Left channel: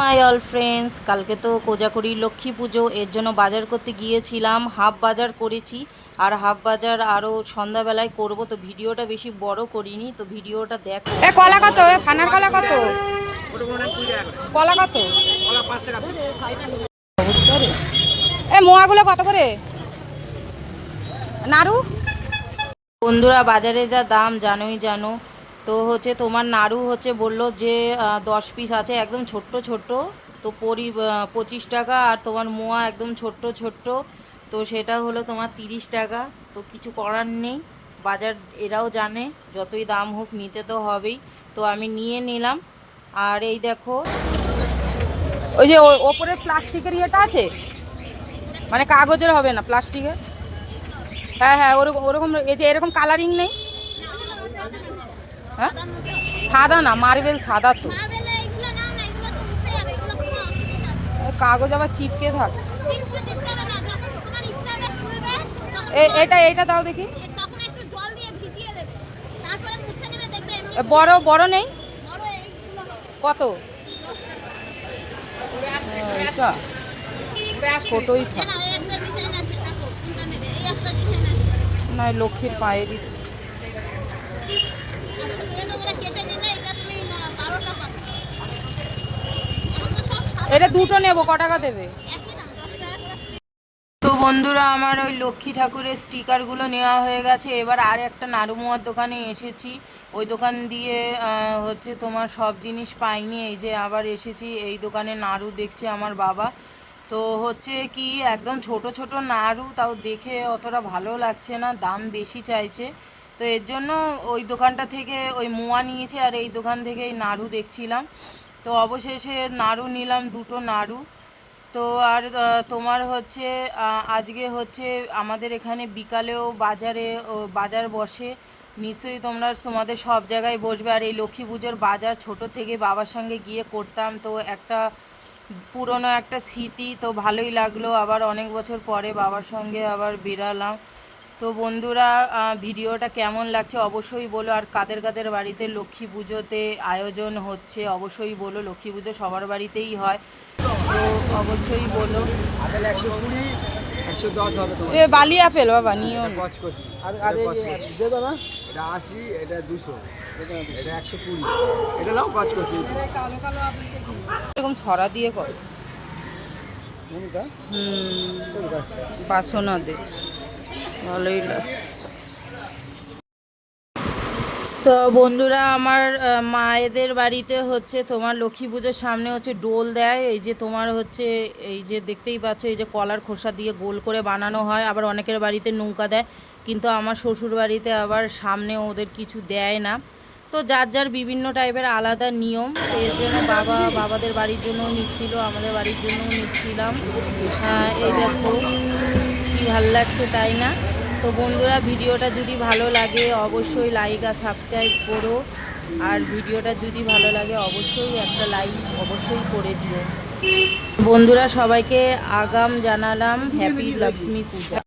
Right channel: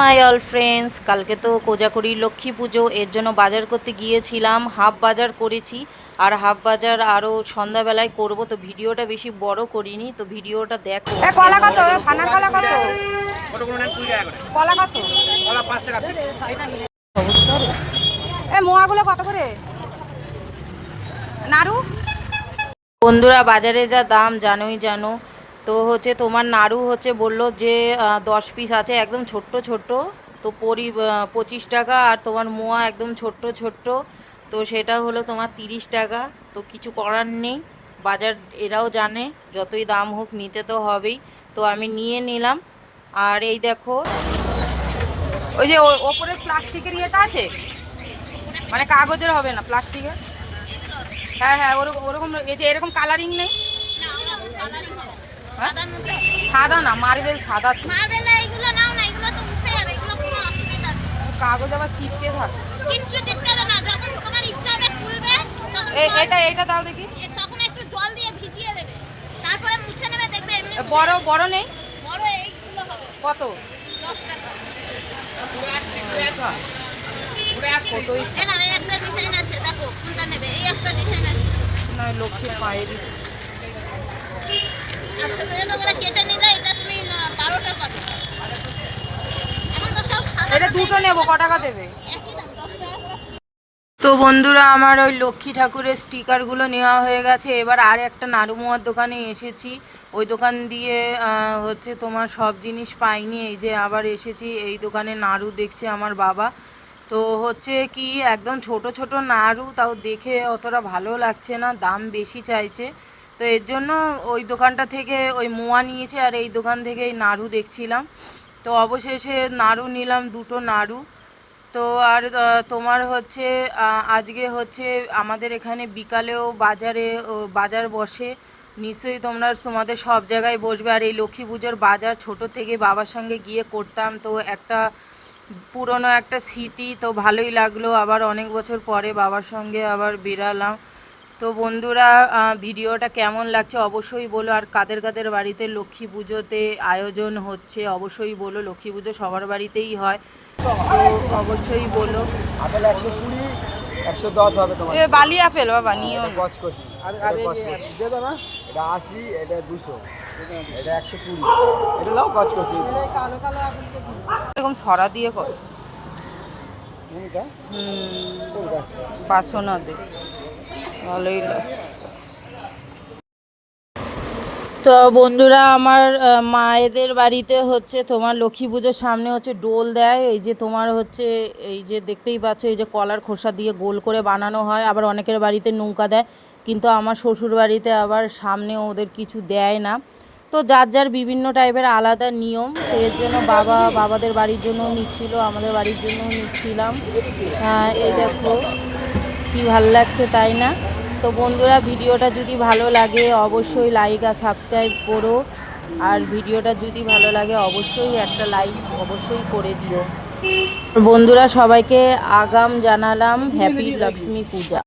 My all friends, কালকে তো কোজাগরী লক্ষ্মী পুজো, এর জন্য বাজার করতে গিয়েছিলাম। হাফ বাজার করেছি আর হাফ বাজার আরও সন্ধ্যাবেলায় করব, তো ভিডিওটা বেশি বড় করিনি, তো ভিডিওটা দেখো। কলা কত? ফানার কলা কত? কলা কত? অবস্থা রে। মোয়াগুলো কত করে? নাড়ু বন্ধুরা, বাজারে যা দাম জানো। তো হচ্ছে তোমার নাড়ু হচ্ছে বললো যে 10 পিস আছে, একদম ছোট্ট ছোট্ট, তো 25 টাকা। আর তোমার মোয়া একদম ছোট্ট ছোট্ট, তো সেটা হলো তোমার 30 টাকা। তো কিছু করার নেই, বাজার এরাও জানে যতই দাম হোক নিতে তো হবেই, তো আমি নিয়ে নিলাম। আর এই দেখো, ওই যে ওপরে প্লাস্টিকের ইয়েটা আছে, মানে কাগজের হবে না, প্লাস্টিকের। হ্যাঁ হ্যাঁ, ওরকম ওরকম। এই যে এরকম কালারিং নেই? হ্যাঁ, সাদা না, মার্বেল সাদা। তো কাগজ আবার চিপকে থাকে। এটা এটা দাও দেখি। বড় বড় নেই? কত? ছোটই না, লক্ষ্মীর পায়েরই। এটা দুটো নেবো, ক টাকা দেবে? তো বন্ধুরা, আমার ওই লক্ষ্মী ঠাকুরের স্টিকারগুলো নেওয়া হয়ে গেছে। এবার আর একটা নাড়ুমোয়ার দোকানে এসেছি, ওই দোকান দিয়ে হচ্ছে তোমার সব জিনিস পাইনি, এই যে আবার এসেছি এই দোকানে। নাড়ু দেখছে আমার বাবা, তো হচ্ছে কি একদম ছোট ছোট নাড়ু, তাও দেখে অতটা ভালো লাগছে না, দাম বেশি চাইছে। তো এর জন্য ওই দোকানটা থেকে ওই মোয়া নিয়েছি, আর এই দোকান থেকে এই নাড়ু দেখছিলাম। তো অবশেষে নাড়ু নিলাম, দুটো নাড়ু। তো আর তোমার হচ্ছে আজকে হচ্ছে আমাদের এখানে বিকালেও বাজার বসে, নিশ্চয়ই তোমাদের সব জায়গায় বসবে। আর এই লক্ষ্মী পুজোর বাজার ছোট থেকে বাবার সঙ্গে গিয়ে করতাম, তো একটা পুরনো একটা স্মৃতি, তো ভালোই লাগলো। আবার অনেক বছর পরে বাবার সঙ্গে আবার বেরালাম। তো বন্ধুরা, ভিডিওটা কেমন লাগছে অবশ্যই বলো। আর কাদের কাদের বাড়িতে লক্ষ্মী পুজোতে আয়োজন হচ্ছে অবশ্যই বলো। লক্ষ্মী পুজো সবার বাড়িতেই হয়, তো অবশ্যই বলো। আপেল 120, 110 হবে তোমার। বালি আপেল বাবা নিও। কচকচি দে দাদা, এটা 80, এটা 200, এটা 120, এটা নাও কচকচি। কালো কালো আপেলকে এরকম ছড়া দিয়ে কর, বাসনা দে, ভালোই লাগে। তো বন্ধুরা, আমার মায়েদের বাড়িতে হচ্ছে তোমার লক্ষ্মী পুজোর সামনে হচ্ছে ডোল দেয়। এই যে তোমার হচ্ছে এই যে দেখতেই পাচ্ছ, এই যে কলার খোসা দিয়ে গোল করে বানানো হয়। আবার অনেকের বাড়িতে নৌকা দেয়, কিন্তু আমার শ্বশুর বাড়িতে আবার সামনে ওদের কিছু দেয় না। তো যার যার বিভিন্ন টাইপের আলাদা নিয়ম, তো এর জন্য বাবাদের বাড়ির জন্যও নিচ্ছিল, আমাদের বাড়ির জন্যও নিচ্ছিলাম। এই দেখো কি ভালো লাগছে, তাই না? তো বন্ধুরা, ভিডিওটা যদি ভালো লাগে অবশ্যই লাইক আর সাবস্ক্রাইব করো। আর ভিডিওটা যদি ভালো লাগে অবশ্যই একটা লাইক অবশ্যই করে দিও। বন্ধুরা, সবাইকে আগাম জানালাম হ্যাপি লক্ষ্মী পূজা।